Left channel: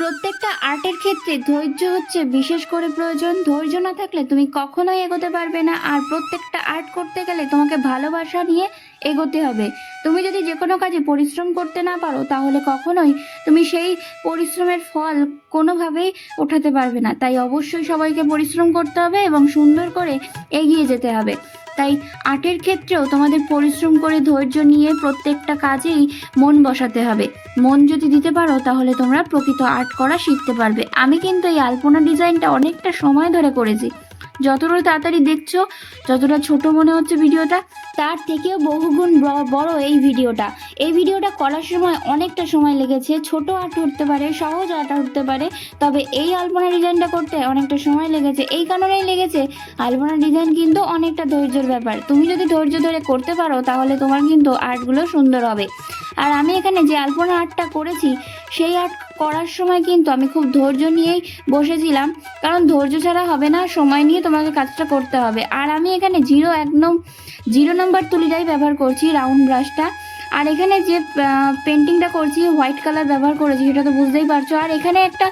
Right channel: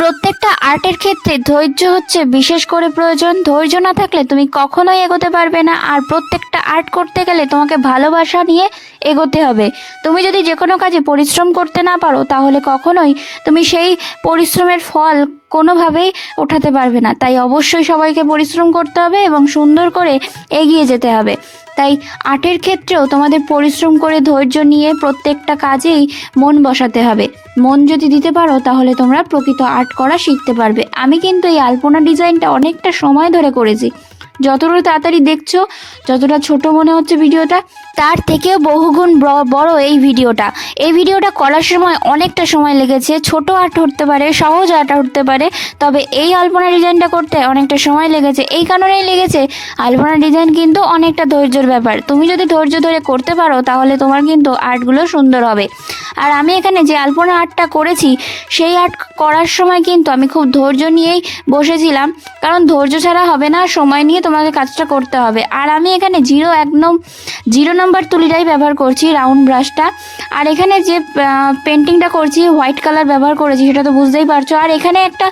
প্রত্যেকটা আর্টের ক্ষেত্রে ধৈর্য হচ্ছে বিশেষ করে প্রয়োজন। ধৈর্য না থাকলে তুমি কখনোই এগোতে পারবে না। আর প্রত্যেকটা আর্ট করতে গেলে তোমাকে ভালোবাসা নিয়ে এগোতে হবে। তুমি যদি যে কোনো কাজে পরিশ্রম করতে না পারো তাহলে কখনোই তুমি সেই পরিশ্রমের ফল কোনোভাবেই ওঠাতে পারবে না। তাই অবশ্যই সবাইকে পরিশ্রম করতে হবে এবং সুন্দর করে এগিয়ে যেতে হবে। তাই আর্টের ক্ষেত্রেও তোমাদের পরিশ্রম করে ধৈর্য নিয়ে প্রত্যেকটা কাজেই মন বসাতে হবে। মন যদি দিতে পারো তাহলে তোমরা প্রকৃত আর্ট করা শিখতে পারবে। আমি কিন্তু এই আলপনা ডিজাইনটা অনেকটা সময় ধরে করেছি। যতটা তাড়াতাড়ি দেখছো, যতটা ছোট মনে হচ্ছে ভিডিওটা, তার থেকেও বহুগুণ বড় এই ভিডিওটা করার সময় অনেকটা সময় লেগেছে। ছোট আর্ট হতে পারে, সহজ আর্ট হতে পারে, তবে এই আলপনা ডিজাইনটা করতে অনেকটা সময় লেগেছে। এই কারণেই লেগেছে, আলপনা ডিজাইন কিন্তু অনেকটা ধৈর্যের ব্যাপার। তুমি যদি ধৈর্য ধরে করতে পারো তাহলে তোমার কিন্তু আর্টগুলো সুন্দর হবে। আর আমি এখানে যে আলপনা আর্টটা করেছি সেই আর্ট করার সময় কিন্তু আমি খুব ধৈর্য নিয়েই বসেছিলাম, কারণ ধৈর্য ছাড়া হবে না, সময় নিয়ে তোমাকে কাজটা করতে হবে। আর আমি এখানে একদম 0 নম্বর তুলিটাই ব্যবহার করছি, রাউন্ড ব্রাশটা। আর এখানে যে পেন্টিংটা করছি হোয়াইট কালার ব্যবহার করেছি, সেটা তো বুঝতেই পারছো। আর এখানে একটা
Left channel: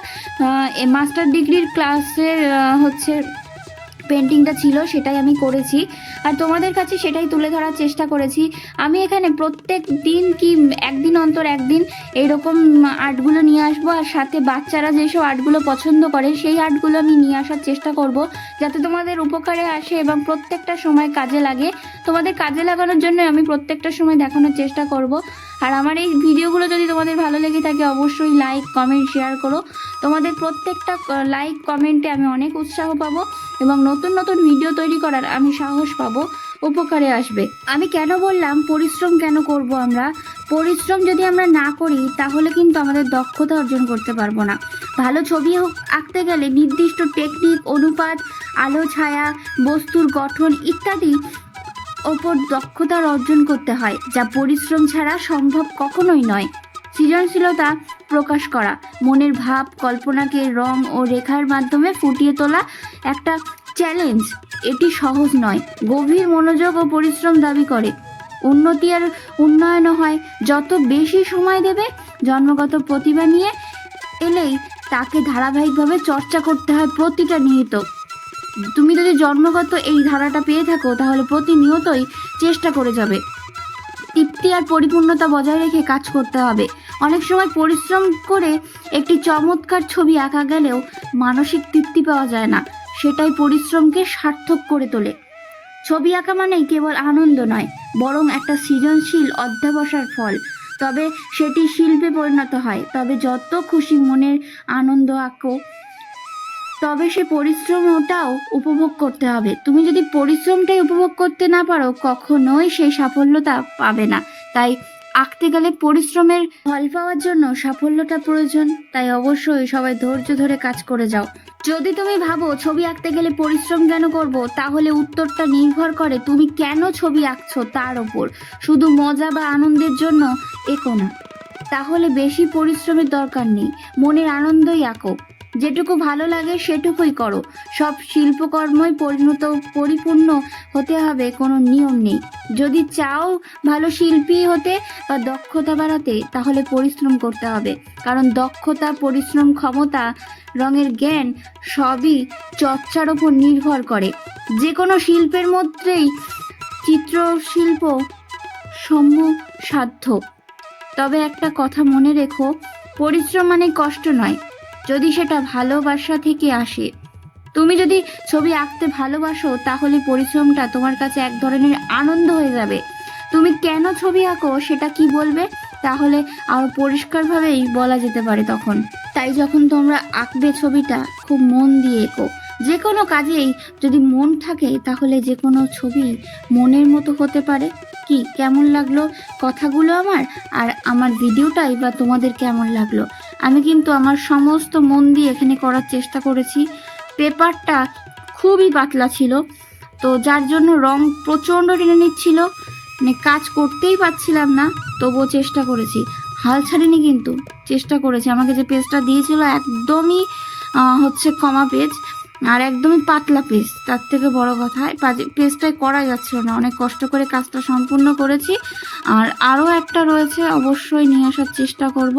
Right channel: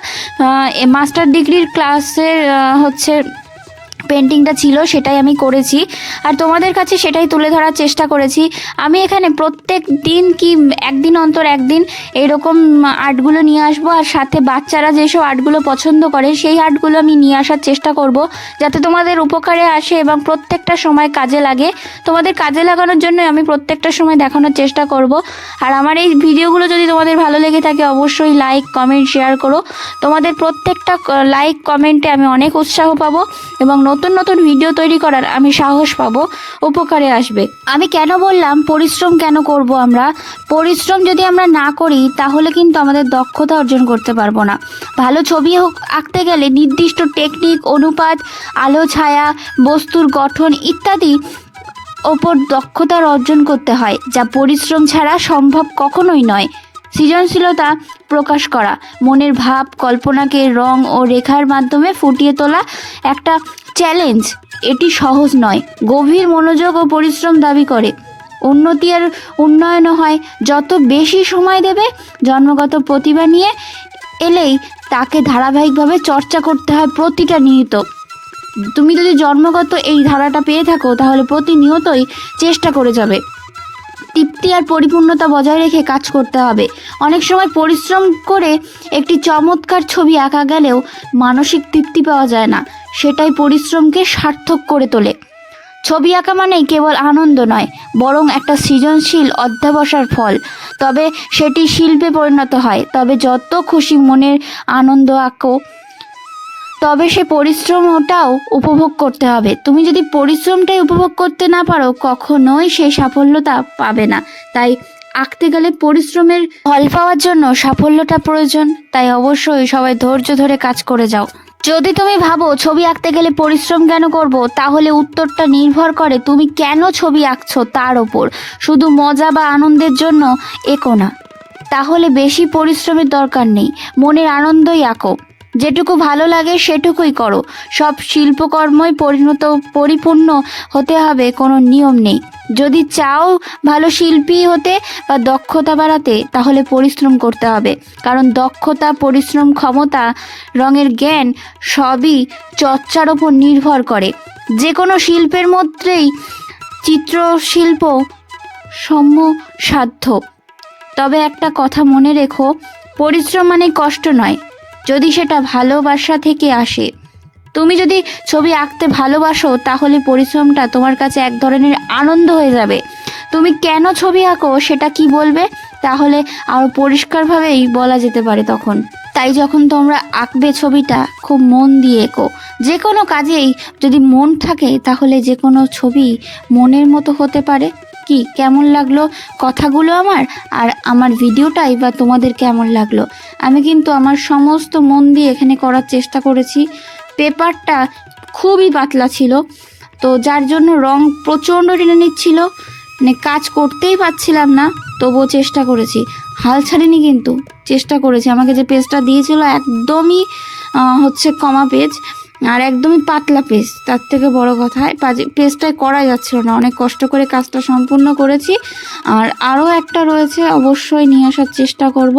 মাস্টার ডিগ্রির ক্লাসের হচ্ছে পেন্টিংটা ছিল, সেটাই আমি করেছি আর তোমাদের কাছে সেটাই তুলে ধরার চেষ্টা করেছি। আমি এখানে প্রত্যেক দিন কি একদিন অন্তর একদিন এইরকম আর্টগুলো নিয়ে আসবো, আর সাথে বাচ্চারা যেসব আর্টগুলো পছন্দ করে সেই আর্টগুলো আমি নিয়ে আসার চেষ্টা করব, যাতে তোমাদের উপকারে আসে এবং প্রত্যেকটা সময় কাজে লাগে। তোমাদের কাজে লাগানোর জন্য আমি প্রত্যেকটা সময় দেখানোর চেষ্টা করব। আর আমার এই ভিডিওগুলো যদি তোমাদের ভালো লেগে থাকে অবশ্যই লাইক, কমেন্ট, শেয়ার করো। তোমাদের প্রত্যেকটা লাইক, কমেন্টে আমি অনেক উৎসাহ পাবো এবং নতুন নতুন ভিডিও তৈরি করার আমি সাহস পাবো, উপকারে আসবে। আমি কেন বললাম পরিশ্রম কেন করব? আমরা পরিশ্রম যদি আমরা না করি তাহলে কিন্তু আমাদের দক্ষতা অর্জন করতে পারবো না। ভালো ছবি আঁকতে গেলে নির্দিষ্ট টেকনিক, অনুপাত, আলো, ছায়া, বস্তুর গঠন ইত্যাদি ওপর দক্ষতার অর্জন করতে হয়, যা পরিশ্রম ছাড়া সম্ভব কখনোই নয়। সৃজনশীলতা প্রকাশ করা, মনের ভাব, কল্পনাকে রং ও রেখার মাধ্যমে ফুটিয়ে তোলা একটা চ্যালেঞ্জ। এটি সহজ নয়, গভীর মনোযোগ ও পরিশ্রম দাবি করে। উন্নতি আর উন্নয়ন হয় যত বেশি সময় দেবে। জন্মগত প্রতিভা নিয়ে এলেই তাকে ধারাবাহিকভাবে চর্চা করতে হয় প্রতিটা নিয়ত। তুমি যদি জন্মগত এই ধারাটা পেয়ে থাকো তাহলে প্রতিনিয়তই চেষ্টা করে যাবে। তৃপ্তি আর পরিপূর্ণতা বজায় রেখে কাজ করতে হবে। অনেক সময় পরিশ্রম করে একটি চমৎকার ছবি আঁকা গেলেও মানসিক তৃপ্তি পাওয়া যায় না, সেটাই পরিশ্রমকে সার্থক করে তোলে। ছবি আঁকা মানেই কেবল আনন্দ নয়, বরং একটা সৃজনশীল অধ্যবসায়ের ফল। তবে সেটি শিল্পে পরিণত হয়, তবে যত খুশি মনের আনন্দ আঁকো, তবে সে পরিশ্রমটাও উপভোগ করতে হবে। তুমি যদি পরিশ্রমটাই উপভোগ করতে না পারো কখনোই সেই সাফল্যতা পাবে না। তাই আঁকতে গেলে পরিশ্রমের ফল পাওয়ার জন্য সাফল্যটা প্রয়োজন। তাই অবশ্যই সবাই ধৈর্য ধরে কাজ করে যাও। যদি তুমি ভাবো ছবি আঁকতে গেলে পরিশ্রম কেন করব, তাহলে উত্তরটা নির্ভর করে তুমি কেন ছবি আঁকছো তার ওপর। শুধু মজা বা আনন্দের জন্য এঁকো না, তাহলে বেশি পরিশ্রমের দরকার নেই। মনের আনন্দই আঁকো, যেটুকু ভালো লাগে সেটুকুই করো। সব শিল্পকর্মই পরিপূর্ণ হতে হবে, কোনো নিয়ম নেই। যদি চাও ভালো শিল্পী হতে বা দক্ষতা বাড়াতে তাহলে পরিশ্রম করতে হবে, কারণ দক্ষতা, পরিশ্রম, ক্ষমতা, রঙের জ্ঞান সবই চর্চার ওপর নির্ভর করে। যে কোনো শিল্পের মধ্যেই চিত্রশিল্প সাধ্য। তবে একটা কথা মনে রেখো, পরিশ্রম মানে কষ্ট নয়, যদি সেটা ভালোবাসা থেকে আসে। তুমি যদি ছবি আঁকতে ভালোবাসো তাহলে পরিশ্রমটা তোমার কাছে এক ধরনের আনন্দ হয়ে যাবে। তুমি কেন ছবি আঁকো সেটা কি বলবে, তাহলে আরও পরিষ্কারভাবেই বলা যেতে পারে তখন। তাই যখন তোমরা আঁকবে ছবিটা খুব মন দিয়ে এঁকো। যে কোনো কাজেই যদি মন থাকে তাহলে যে কোনো ছবি মনের মতো হতে পারে। কি কেমন লাগলো কথাগুলো আমার, আর আমার ভিডিওটাই বা তোমাদের কেমন লাগলো? আমি কিন্তু আমার সমস্ত মন দিয়ে এখানে করার চেষ্টা করেছি। পেপারটা খুবই পাতলা ছিল, তো যার জন্য রং প্রচণ্ড টেনে নিচ্ছিল, মানে কাজ করতেই পারছিলাম না। তবুও চেষ্টা করেছি, হাল ছাড়িনি, কিন্তু চেষ্টা করেছি। আমাকে যে পেজটা দিয়েছিল একদমই হচ্ছে কমা পেজ, আর একদমই পাতলা পেজ। তার থেকে বড় কথা পেজটাই করা যাচ্ছিল না। অনেক কষ্ট করে কাজটা সম্পূর্ণ করেছি, আর আরও একটা রয়েছে, অবশ্যই নিয়ে আসার চেষ্টা করব।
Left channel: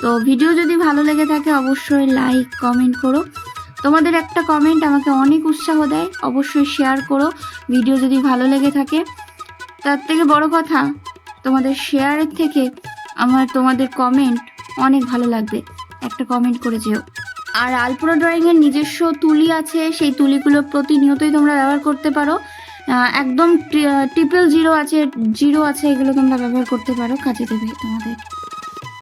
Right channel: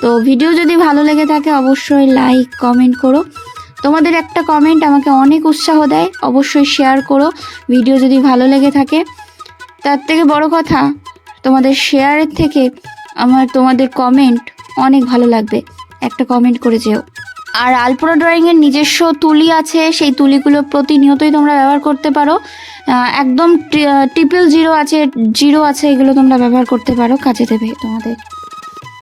তো ভিডিও যদি ভালো লেগে থাকে অবশ্যই লাইক কমেন্ট করো, তোমাদের একটা কমেন্ট আমাকে অনেক উৎসাহ দেয়। অবশ্যই শেয়ার করো ভিডিও যদি ভালো লেগে থাকে। তার থেকে বড় কথা, তোমাদের শেয়ারের থেকে তোমাদের কমেন্ট অনেক ভালো লাগবে, একটা কমেন্ট করে যেও। আর আলপনা ড্রয়িংয়ের নিজস্ব তুলি আছে, সেই তুলিগুলো প্রতিনিয়তই তোমরা ব্যবহার করতে পারো। একদম 000 আছে, এগুলো তোমরা ব্যবহার করতে পারো, কাজে দেবে তোমাদের।